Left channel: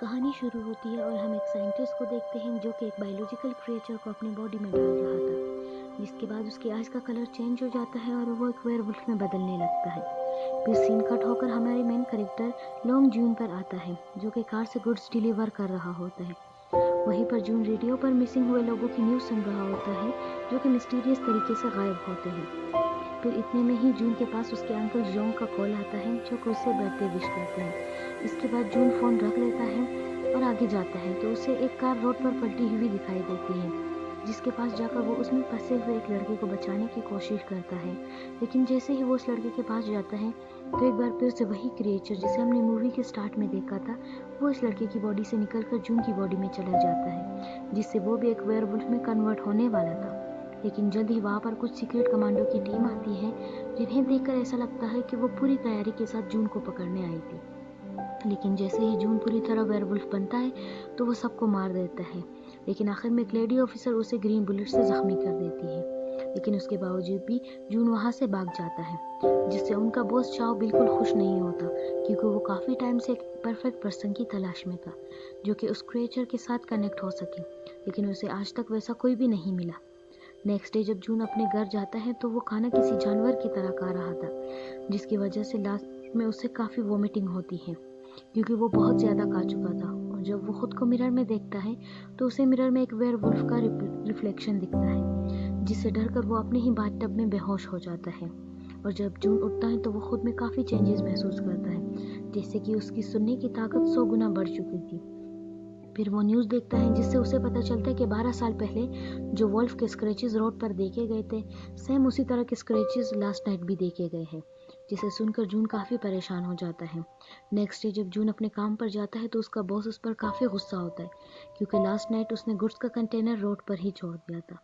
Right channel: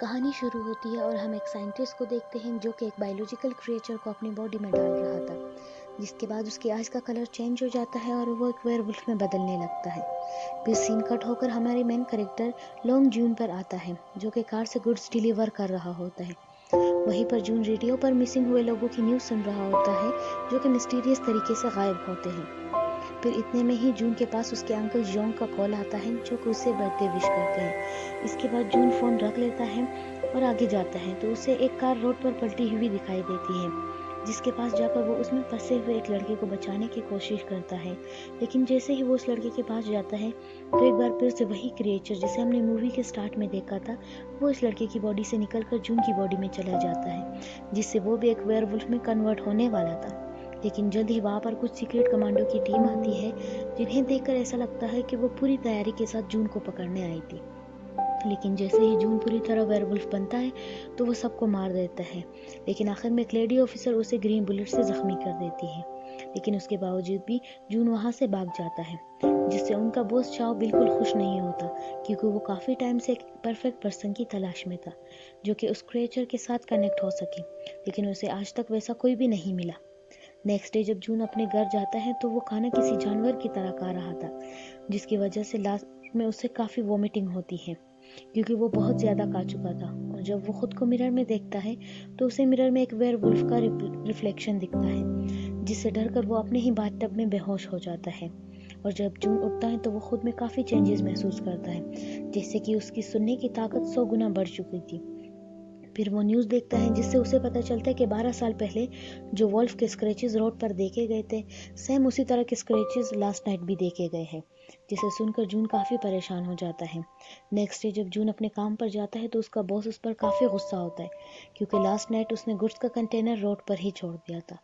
कहानी शुरू होती है और हम एक साइंटिस्ट को देखते हैं जो कि एक बायोलॉजिकल क्रिएचर को अपनी बॉडी में डाल रहा था, जिसके बाद उसकी आइज़ का कलर चेंज हो जाता है और वो एक वेयरवुल्फ में बदलने लगता है। फिर सीन कट होकर हमारे मेन कैरेक्टर लॉन्ग जून पर आता है, जो कि कार से गुड्स डिलीवर कर रहा होता है। वहीं पर जून रेडियो पर मिसिंग हुए लोगों की न्यूज़ सुन रहा होता है, जो कि मिस्टीरियस तरीके से गायब होते हैं। फिर इतने में ही जून के पास उसके अंकल जोंग का कॉल आता है, जो कि उससे बर्थडे विश करते हैं। इसके बाद जून फ़ोन रख लेता है और आगे जाता है तो उसे एक कार रोड पर पलटी हुई दिखाई देती है, जिसके पास जाकर वो उसमें फंसे हुए एक लड़के को बचाने की कोशिश करता है। लेकिन जैसे ही वो उस लड़के के पास जाता है तो एक बार फिर से वही क्रिएचर जिसे हमने मूवी के स्टार्ट में देखा था, वो इस लड़के की बॉडी से निकलकर जून की बॉडी में चला जाता है, जिससे वो भी एक वेयरवुल्फ में कन्वर्ट होने वाला था। लेकिन जल्द ही वहाँ पर कुछ सीक्रेट कमांडो की टीम आती है, जिन्हें देखकर ऐसा लगता है कि वो पूरी तैयारी के साथ जून को पकड़ने आई थी। लेकिन जैसे ही जून पूरी तरह वेयरवुल्फ बनता है तो वो सबको मार देता है। लेकिन आखिर में एक लेडी ऑफिसर उसे ग्रीन बुलेट से जख्मी कर देती है। लेकिन उसके बावजूद भी जून वहाँ से भाग जाता है, जिससे उनका बॉस चाओ बिल्कुल खुश नहीं होता, क्योंकि वो काफ़ी टाइम से एक परफेक्ट पर्सन की तलाश में था जो कि उस क्रिएचर के साथ कनेक्ट हो सके। लेकिन उसे आज तक वैसा कोई भी नहीं मिला। नेक्स्ट डे जब जून अपने घर जाता है तो वो खाना किसी जानवर की तरह खा रहा था, जिसकी वजह से लास्ट में उसे काफ़ी वॉमिटिंग होती है, क्योंकि वो बहुत ज़्यादा खा चुका था। और जब वो खुद को मिरर में देखता है तो उसे मिरर में एक वेयरवुल्फ का रिफ्लेक्शन दिखता है, जिससे डरकर वो अपने ही बाथटब में बेहोश हो जाता है। और जब जून उठता है तो वो खुद में काफ़ी चेंजेस महसूस करता है, जैसे कि उसकी सुनने की ताकत 100 गुना बढ़ चुकी थी। फिर वो न्यूज़ देखता है, जिससे उसे पता चलता है कि 12 साल पहले जो वॉल्फ के स्क्रैचेस रोड पर देखे गए थे, सेम उसी तरह के स्क्रैचेस लास्ट नाइट भी देखे गए हैं, जिसे सुनकर जून काफ़ी परेशान हो जाता है। नेक्स्ट डे जब जून अपने काम पर जाता है तो उसका बॉस उस पर काफ़ी गुस्सा होता है, क्योंकि लास्ट नाइट उसने गुड्स का कंटेनर रोड पर ही छोड़ दिया था।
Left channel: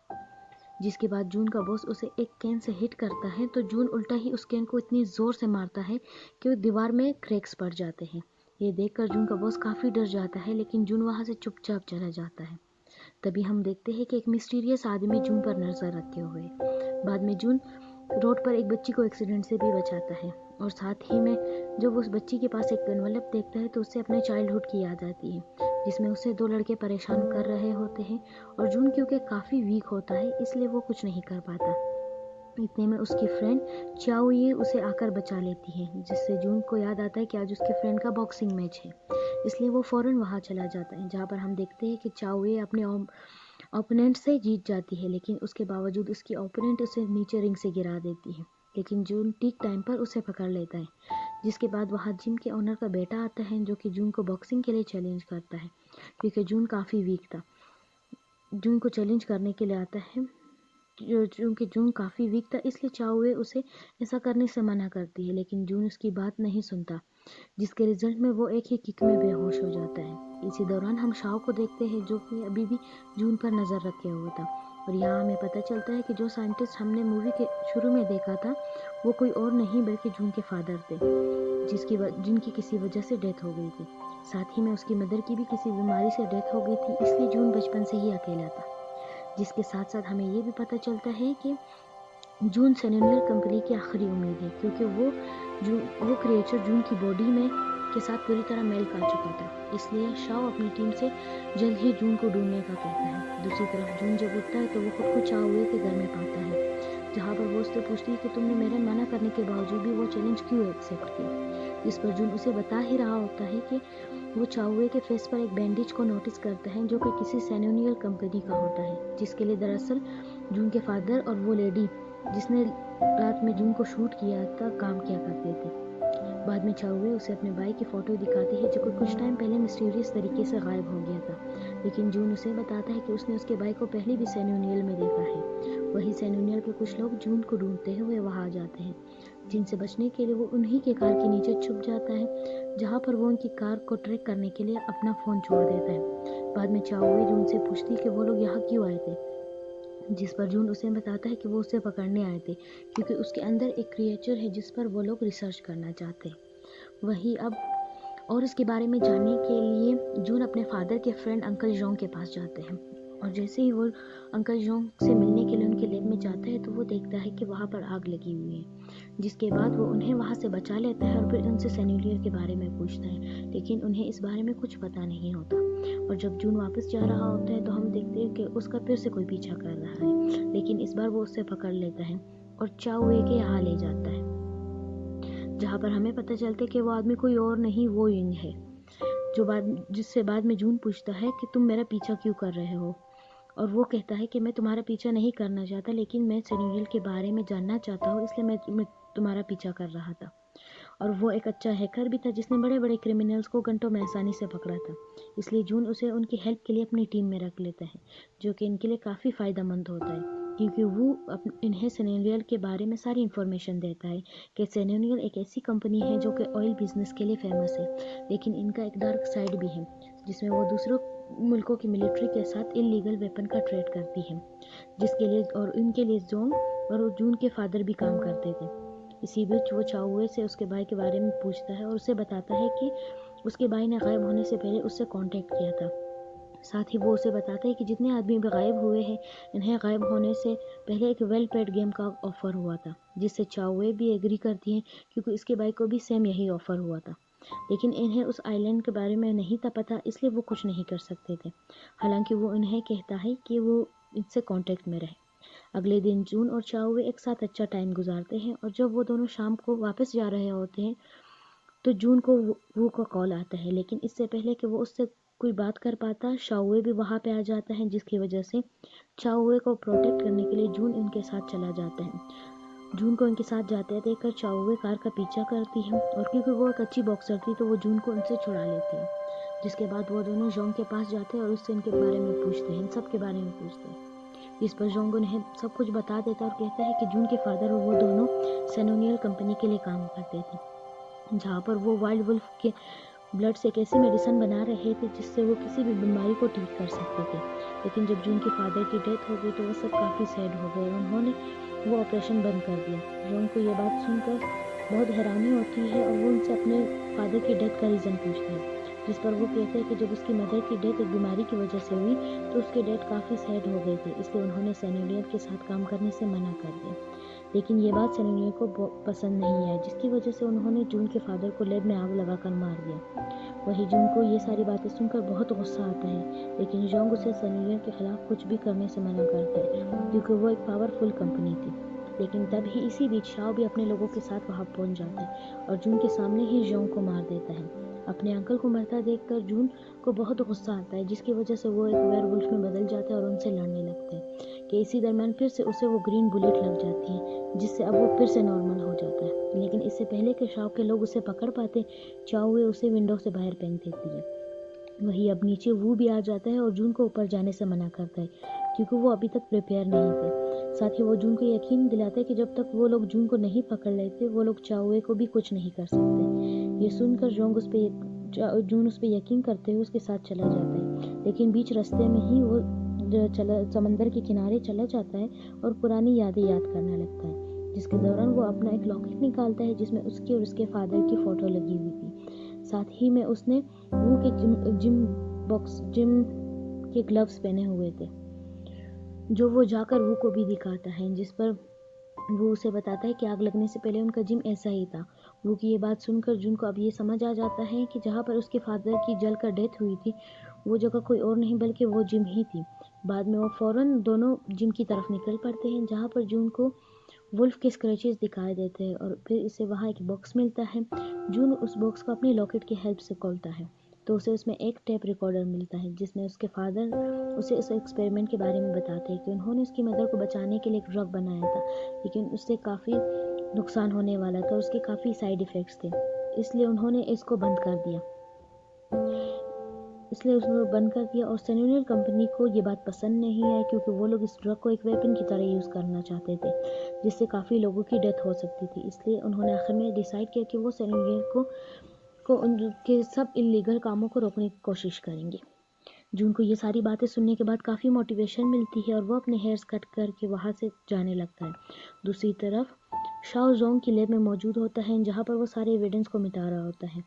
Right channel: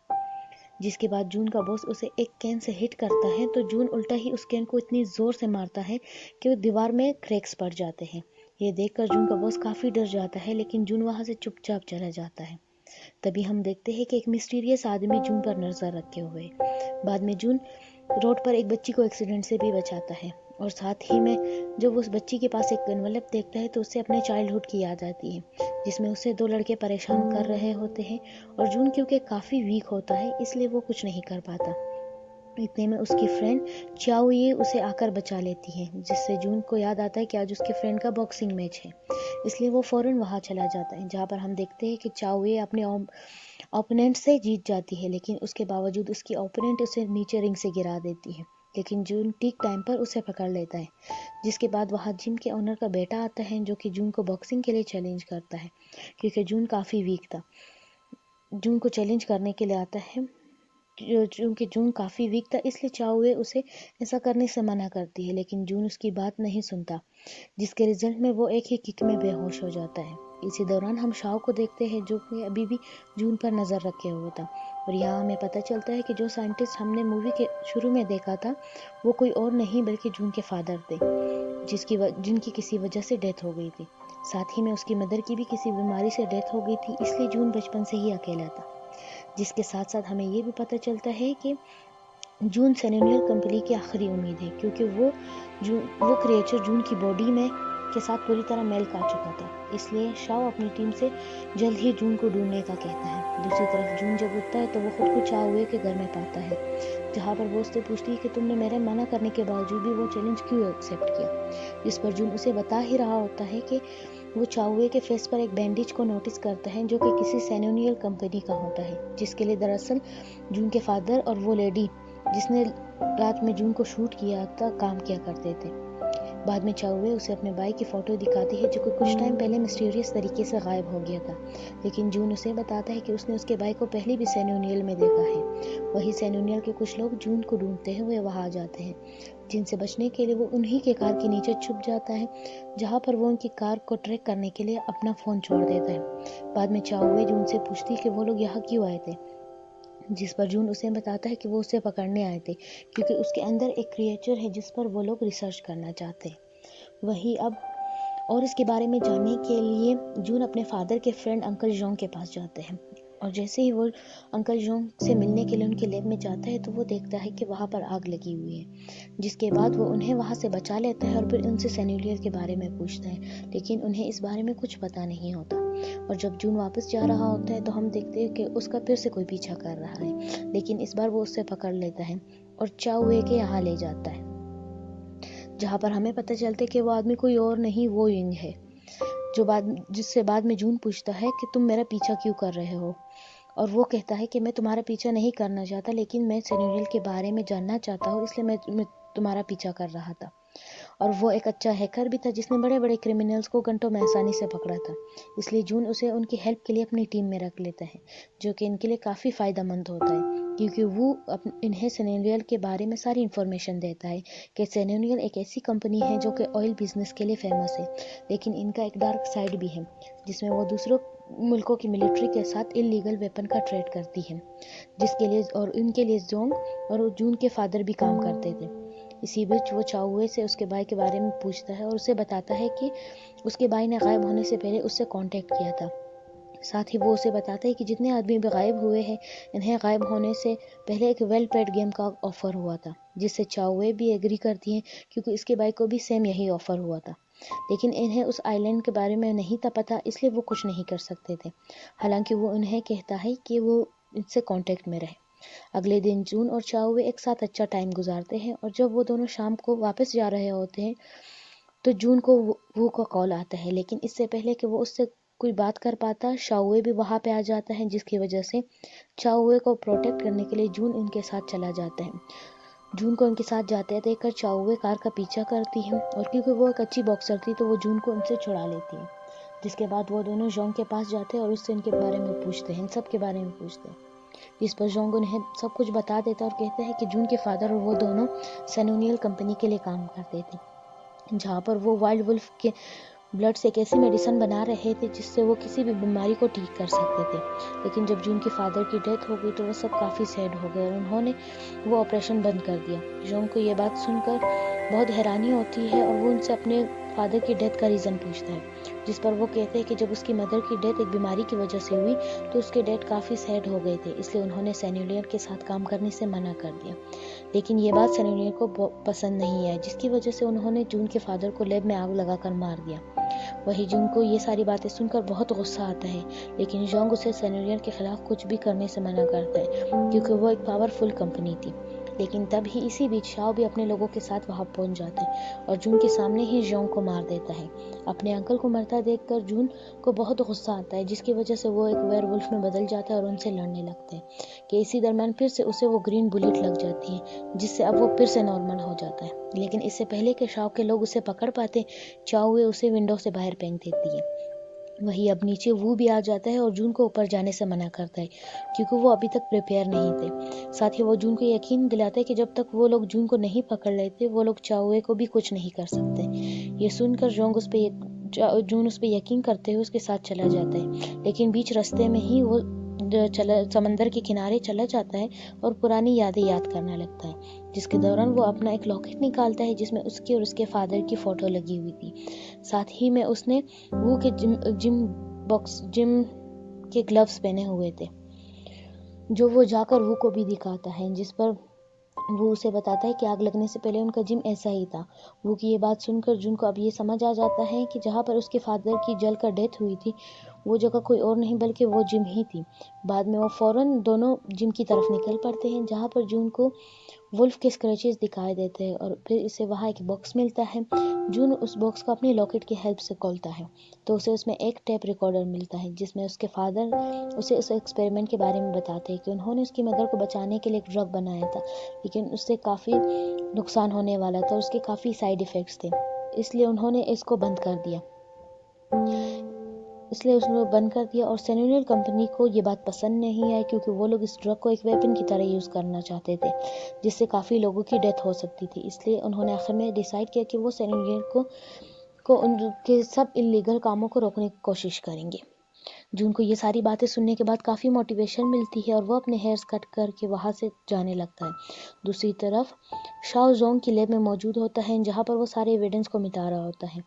जिसके बाद जून का बॉस उसे एक कैन से हिट करता है तो जून उल्टा ही उस कैन को इतनी ज़ोर से मारता है कि वो दीवार में क्रैक्स पड़ जाते हैं। ये देखकर जून का बॉस काफ़ी डर जाता है, लेकिन जून वहाँ से चुपचाप चला जाता है। तभी हम देखते हैं कि एक मिस्टीरियस आदमी जून पर नजर रखे हुए। बाद में जून रोड पर एक बच्ची को एक्सीडेंट से भी बचाता है, और साथ ही में जब उस बच्ची के पास एक एनवलप देखता है तो उसे अपने चाइल्डहुड की याद आती है, जिसमें उसे 2 लड़के परेशान कर रहे होते हैं। और जून क्योंकि काफ़ी वीक होता है इसलिए वो कुछ नहीं कर पाता। इतने में उसकी फ्रेंड चाओ ये उसे आकर बचा लेती है, जिससे जून को याद आता है कि आज उसके फ्रेंड का बॉक्सिंग मैच है। इसलिए वो फ़ौरन वहाँ चला जाता है, जहाँ पर हम देखते हैं कि चाओ ये अपने ओपोनेंट से जीत जाती है, लेकिन उसके बावजूद उसकी ओपोनेंट उसे नीचे रिंग से गिरा देती है। लेकिन जून ठीक टाइम पर उसे पकड़ लेता है, जिसके बाद वहाँ जिम के ओनर का बेटा आता है, जो कि जून को बॉक्सिंग के लिए चैलेंज करता है, क्योंकि जून काफ़ी वीक था। जून को चैलेंज करने के लिए आता है, क्योंकि जून काफ़ी वीक था, इसलिए चाओए उसे ऐसा करने से मना करती है, लेकिन जून उसकी बात नहीं सुनता, जिसके रिजल्ट में वो एक ही किक में बेहोश हो जाता है। इसी दौरान हम शाओ को देखते हैं, जो कि अभी भी जून पर नज़र रखे हुआ था। और यहाँ हमें पता चलता है कि जो साइंटिस्ट हमने मूवी के शुरू में देखा था वो कोई और नहीं बल्कि जून के फादर थे, जिनकी किसी वजह से डेथ हो गई थी। साथ ही में उसकी मदर की भी किसी बीमारी से डेथ हो गई थी, इसलिए जून बचपन से ही अकेला था। जिसके साथ साथ हमें ये भी पता चलता है कि जून सेरेनियल कंपनी की आखिरी उम्मीद है, क्योंकि वो क्रिएचर जून की बॉडी में के साथ पूरी तरह मेल खा चुका था। इसलिए शाओ अपनी टीम से जल्द ही जून को ढूंढने का कहता है। दूसरी तरफ जून जब उठता है तो वो खुद को चाओए के घर में पाता है, जहाँ पर वो उससे पूछती है कि तुमने मेरे मना करने के बावजूद भी वो चैलेंज क्यों एक्सेप्ट किया। इस पर जून उसे बता ही रहा होता है कि वो चाओए के फेस पर एक बैंडेज को नोटिस करता है, जो कि किसी सेरेनियल कंपनी का होता है, जिसके लिए दरअसल जून के फादर और वो लेडी जिसने रात में जून को शूट किया था काम किया करते थे। बाद में चाओए उसे अपने भाई की फ़ोटो दिखाती है, जो कि कुछ टाइम पहले मिस्टीरियस तरीके से गायब हो गया था। लेकिन जून उसे बताता है कि उसने उसके भाई को पहले भी सेरेनियल में देखा है। वही सेरेनियल के कुछ लोग जून को ढूंढते हुए वहाँ आ जाते हैं, जिनसे बचने के लिए वो उन्हीं के कार के नीचे छुप जाता है, जहाँ पर वो उनकी कार को ट्रैक करने के लिए अपना फ़ोन छोड़ देता है। बाद में चाओए जून से पूछती है कि वो लोग यहाँ क्यों आए थे, जिस पर जून उसे बताता है कि वो उसे पकड़ने आए थे, क्योंकि उसके अंदर एक क्रिएचर है जिस पर वो लोग रिसर्च करना चाहते हैं। वही अब और इसके बारे में जानने के लिए जून अपने फादर के फ्रेंड अंकल जोंग के पास जाते हैं। और जैसे ही वो अंकल जोंग से मिलने के लिए उनके लैब में जाता है तो वो देखता है कि वहाँ पर आग लगी हुई है, जिसके बाद वो उन्हें वहाँ से बचा लेता है और फिर उनसे सेन्यूलियर के बारे में पूछता है, लेकिन उन्हें इस बारे में कुछ पता नहीं होता। और जब जून वापस जा रहा होता है तो हम देखते हैं कि उसका फिर से कोई पीछा कर रहा है, लेकिन इस बार वो उससे पकड़ लेता है और चाओए के यहाँ ले जाता है, जहाँ पर हमें पता चलता है कि वो आदमी कोई और नहीं, वो यिंग है, जिससे बाद में जून पूछता है कि तुम मेरा पीछा क्यों कर रहे हो, और वो कहता है कि मैं तुम्हारा पीछा नहीं करना चाहता, लेकिन मैं सेन्यूरियल के बारे में जानना चाहता हूँ, इसलिए मैं तुम्हारा पीछा कर रहा था। और वो एक अच्छा हैकर भी था जिसने बड़े बड़े क्रिमिनल्स को घंटों में आसानी से पकड़ा था, इसलिए जून उसे उनकी हेल्प के लिए अपनी टीम में रख लेता है, जो कि इनके लिए काफ़ी फ़ायदेमंद होता है, क्योंकि वो इन्हें सेन्यूरियल के बारे में सारी इन्फॉर्मेशन देता है कि सेन्यूरियल एक ऐसी कंपनी है जो कि ऑयल बिजनेस के लिए फेमस है, लेकिन इनका एक डार्क साइड भी है, जिसमें वो दूसरों मुल्कों की मिलिट्री के साथ इलीगल वेपन का ट्रेड करती है, जिसके लिए और इनके लिए जोंग और जून के फादर भी काम करते थे। इसी बीच वो चाओए से उसके भाई के बारे में पूछता है और उसे बताता है कि उसके भाई ने गायब होने से पहले उससे कांटेक्ट किया था। साथ ही वो उसे बताता है कि जितने आदमी भी गायब हुए हैं, इन्हें गायब होने से पहले एक वेल पेड गेम का ऑफर हुआ था, जिससे चाओए भी एग्री करती हैं, क्योंकि इसके भाई को भी सेम यही ऑफर हुआ था, लेकिन इन्हें उस आइलैंड के बारे में नहीं था पता, इसलिए वो कुछ नहीं कर सकते थे। हालांकि वो उन्हें कहता है कि वो इनसे कांटेक्ट में रहे। अगले दिन जून और चाओए एक साथ अच्छा टाइम गुजारते हैं, और जब वो दोनों शाम को वापस जा रहे होते हैं तो जून को वू का कॉल आता है, लेकिन इससे पहले कि वो उससे कोई बात कर पाता, शाओए भी वहाँ पे आ जाता है, जिसकी वजह से चाओए को प्रोटेक्ट करने के लिए जून उनके साथ चला जाता है। जून को उनके साथ जाते देखकर चाओए कार का पीछा करती है, और क्योंकि वो एक अच्छी बॉक्सर थी तो वो जून को उनसे छुड़ा लेती है, जिसके बाद वो दोनों जोंग के पास जाते हैं और उससे इनके बारे में पूछते हैं, इन सब के बारे में पूछते हैं। इस पर जोंग उन्हें सब कुछ बता देता और कहता है कि जून के फादर और वो दोनों सेन्यूनियल कंपनी के लिए काम करते थे, जहाँ पर वो वाइल्ड वुल्फ के ब्लड से एक ऐसी मेडिसिन बना रहे थे जिससे वो किसी भी बीमारी को ठीक कर सकते थे। लेकिन जब जून के फादर की डेथ हो गई तो वो सब काफ़ी सैड हो गए और उन्होंने वो ऑपरेशन बंद कर दिया। जोंग को ये बात सुनकर बहुत हैरानी होती है और वो उनसे अपने फादर की डेथ का रीज़न पूछता है, जिस पर वो कहते हैं कि जब उसकी मदर की डेथ एक बीमारी की वजह से हुई तो उसके डैड काफ़ी सैड हो गए थे, इसलिए उन्होंने सेन्यूलियर के साथ काम करने से मना कर दिया। लेकिन ये बात सेन्यूलियर को पसंद नहीं आई, जिसकी वजह से उन्होंने जून के फादर को लैब में आग लगाकर मार दिया। वही जून को ये सारी बातें सुनकर बहुत गुस्सा आता है, लेकिन जोंग उसे सेन्यूलियर के खिलाफ कुछ भी करने से मना करता है, क्योंकि वो एक पावरफुल कंपनी थी। लेकिन तब ही इसी बीच शाओ भी अपने लोगों के साथ वहां पहुंच जाता है और जून के सामने ही जोंग को मार देता है। अपने अंकल को मरता देखकर जून को बहुत गुस्सा आता है, जिसकी वजह से वो एक वेयरवुल्फ में बदल जाता है और उनसे लड़ने लगता है, कि इसी दरम्यान फिर से उसे वो ग्रीन बुलेट लग जाती है, जिससे अब वो फिर से नॉर्मल हो जाता है। लेकिन इससे पहले कि शाओ के लोग उसे पकड़ पाते, चाओए उसे विंडो से बाहर फेंक देती है। वही अब नीचे वो भी आ जाता है और जून को ऊपर जाने से मना करता है, क्योंकि वो अभी तक प्रिपेयर नहीं थे। साथ ही वो जून को यकीन दिलाता है कि जब तक वो लोग जून को नहीं पकड़ लेते वो लोग चाओए को भी कुछ नहीं कर सकते। ये सुनकर जून उस पर यकीन करते हुए उसके साथ चला जाता है, लेकिन बीच रास्ते में ही वो समंदर के किनारे चला जाता है और पुरानी यादें याद करने लगता है, जिसके दौरान वो अपना एक लॉकेट निकालता है जिसमें उसकी और उसके फादर की फ़ोटो लगी हुई थी। साथ ही में उसने वो के जिम के ग्लव्स पहने हुए थे, जो वो जाकर वो को भी दिखाता है, जिस पर वो उसे बताता है कि आग लगने से पहले उनका जिम ऐसा ही था। वो की ये बात सुनकर जून को अब ये समझ आ जाता है कि जहाँ पर उसके फादर की जल कर डेथ हुई थी वो जगह कोई और नहीं बल्कि वो जिम ही थी। बाद में वो फौरन दोनों जिम की तरफ निकल पड़ते हैं, जहाँ पर जून को वुल्फ के स्क्रैचेस दिखाई देते हैं और फिर इसे वहाँ एक बॉक्स मिलता है। जून उस बॉक्स को अपनी लॉकेट की हेल्प से खोलता है तो उसे उसमें एक टेप रिकॉर्डर मिलता है, जिसमें उसके फादर उसे उस एक्सपेरिमेंट के बारे में बताते हैं कि उन्होंने उसकी मदर को बचाने के लिए एक ड्रग बनाया था, लेकिन उससे काफ़ी नुकसान होने वाला था, उसके काफ़ी साइड इफ़ेक्ट्स थे, इसलिए उन्होंने इसको बंद कर दिया। इसलिए उसने बंद कर दिया और सेन्यूरियल कंपनी को ये बात पसंद नहीं आई, क्योंकि वो लोग इस ड्रग को एक वेपन की तरह यूज़ करना चाहते थे, जिससे काफ़ी लोगों की डेथ हो सकती थी। इसलिए उन्होंने आखिर में डिसाइड किया कि वो सेन्यूरियल को उनके सब इलीगल कामों को रोकने की कोशिश करेंगे। जून को ये सारी बातें सुनने के बाद काफ़ी मोटिवेशन मिलती है और वो अपने हेयर्स कट करके वहाँ से जाने लगता है। दूसरी तरफ शाओ जोंग की लैब में मौजूद होता है जहाँ पर वो सारे एविडेंस को मिटा रहा होता है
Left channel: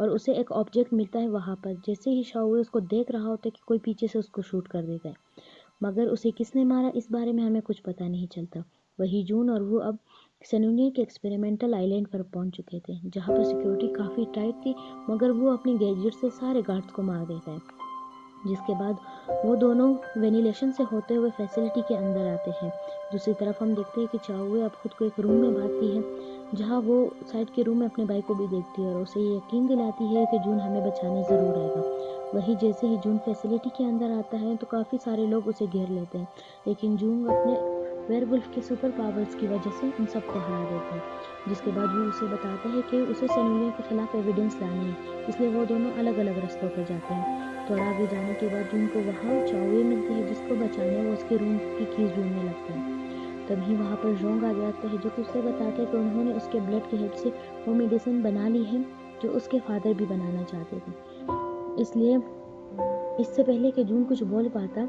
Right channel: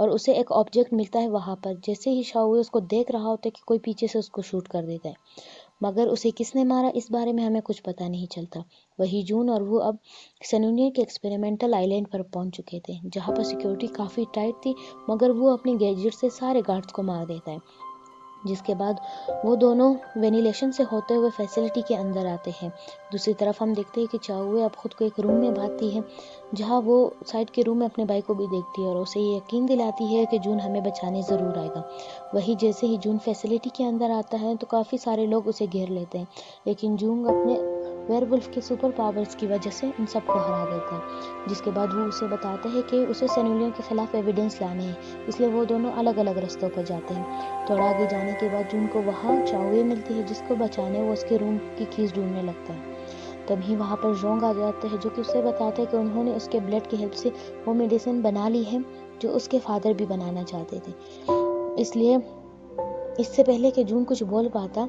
और उसे एक ऑब्जेक्ट मिलता है वहाँ पर। जैसे ही शाओ उसको देख रहा होता है कि कोई पीछे से उसको शूट कर देता है, मगर उसे किसने मारा इस बारे में हमें कुछ पता नहीं चलता। वही जून और वो अब सैन्यूनियर के एक्सपेरिमेंटल आइलैंड पर पहुंच चुके थे जहाँ पर सिक्योरिटी काफ़ी टाइट थी, मगर वो अपनी गैजेट से सारे गार्ड्स को मार देता है। जिसके बाद वो दोनों वेनिलेशन से होते हुए फैसिलिटी के अंदर आते हैं। दूसरी तरफ हम देखते हैं कि चाओए अब खुद को एक रूम में बांधती है जहाँ वो साइड के रूम में अपने भाई को भी देखती है और उसे ये यकीन दिलाती है कि जून हमें बचाने ज़रूर आएगा। वही जैसे ही जून फैसिलिटी के अंदर आता है तो काफ़ी सारे लोग उसे घेर लेते हैं, लेकिन जून अपने वेयरवुल्फ के सुपर पावर्स की वजह से उन सबको हरा देता है। जिसके बाद वो उसे बताते हैं कि उसे सैन्यूनियर के खिलाफ एविडेंस लाने हैं, इसलिए वो दोनों अलग अलग रास्तों पर जाते हैं। थोड़ा आगे जाने के बाद जून को वहाँ चाओए मिलती है जिसको बचाने वो उसके रूम की कीज ढूंढने लगता है। तभी वहाँ पर जोंग आ जाते हैं जो कि उसे बताते हैं कि उन्होंने उसके ब्लड की हेल्प से वो मेडिसिन बना ली है जो उसके फादर भी बनाना चाहते थे। इसलिए इससे पहले कि जून कुछ बोल पाता,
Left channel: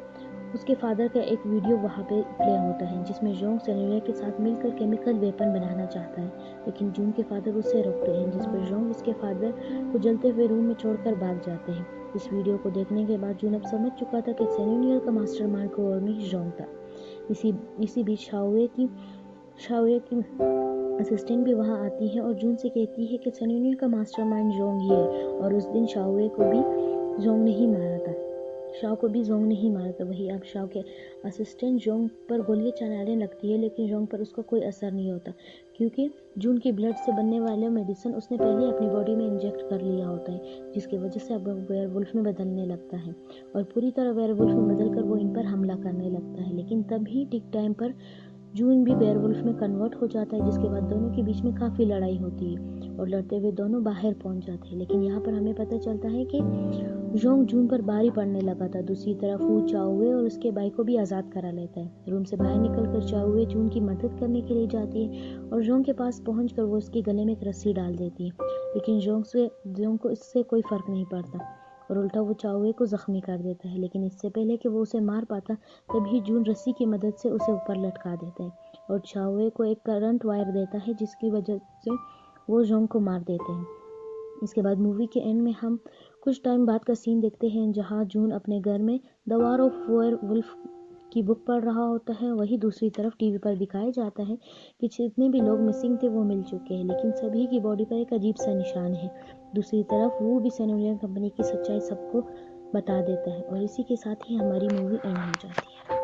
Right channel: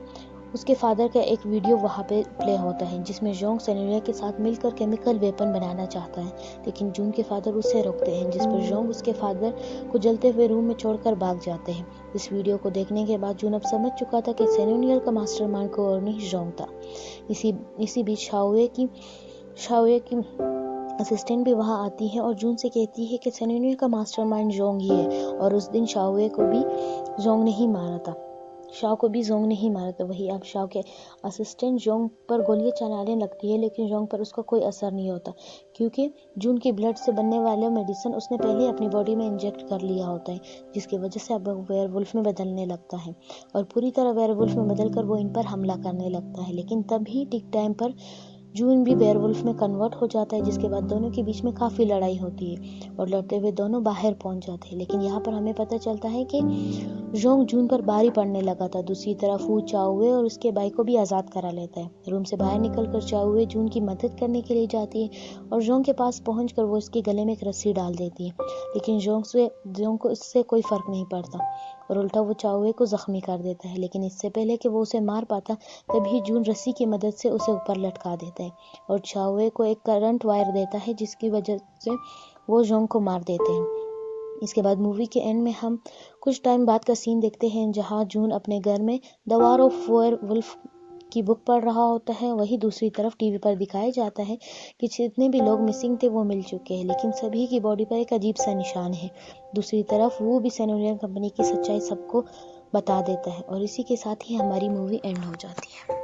उसके फादर का एक वीडियो वहाँ पे प्ले होता है जिसमें जोंग सैन्यूनियर के साथ मिलकर केमिकल वेपन बनाना चाहता है, लेकिन जून के फादर उसे रोकते हैं, जिस पर जोंग उसके फादर को जलते हुए रूम में छोड़कर भाग जाते हैं। इस वीडियो को देखने के बाद जून अब समझ चुका था कि सैन्यूनियर का मास्टरमाइंड को और नहीं जोंग था। इसी बीच शाओए की असिस्टेंट भी वहाँ आती है और जून से कहती है कि सैन्यूनियर का मास्टरमाइंड जोंग ही है और उस दिन शाओए को भी जोंग नहीं मारा था। शाओ को भी जोंग नहीं मारा था। वही अब शाओ के असिस्टेंट जोंग पर गोलियां चलाने लगती है, लेकिन जोंग पर उसका कोई असर नहीं होता क्योंकि जून की ब्लड से बनने वाले मेडिसिन उसने पहले अपनी बॉडी में इंजेक्ट कर लिया होता है, जिसकी वजह से अब वो वेयरवुल्फ में बदलने लगता है और पूरी तरह वेयरवुल्फ में बदलकर वो इन पर हमला करने लगता है। लेकिन तभी ठीक टाइम पर जून भी वेयरवुल्फ में कन्वर्ट हो जाता है, जिसके बाद दोनों के बीच में काफ़ी लड़ाई होती है और लड़ते हुए दोनों बाहर पहुंच जाते हैं। लेकिन यहाँ पर हमें पता चलता है कि जोंग जून पर भारी पड़ने लगा था। दूसरी तरफ वो चाओए और उसके भाई को भी आज़ाद करा लेता है। रूम से बाहर निकलकर चाओए जून की मदद करने के लिए जाती है और जोंग के पास पहुंचकर वो उसके गले में एक रस्सी डाल देती है, लेकिन जोंग को इससे कोई फ़र्क नहीं पड़ता और उल्टा वो चाओए को ज़ख्मी कर देता है। लेकिन इससे पहले कि वो उसे मार पाता, तभी जून रस्सी की मदद से उसे ऊपर लटका देता है और चाओए को एक करंट वायर देता है, जिसकी वजह से वो जोंग को मार देते हैं। इसके बाद मूवी के एंड में हम कुछ टाइम बाद का सीन देखते हैं जहाँ जून अपने घर में द वॉर ऑफ वेयरवुल्फ की बुक पढ़ रहा होता है। वही दूसरी तरफ टीवी पर दिखाया जाता है कि जितने भी लोग मिसिंग थे वो मिल चुके हैं, लेकिन सभी की बॉडी पर एक अजीब सा निशान है। दूसरी तरफ वो भी सैन्यूनियर कंपनी की सच्चाई सबको बता देता है और इसी के साथ ही हमारी मूवी एंड हो जाती है।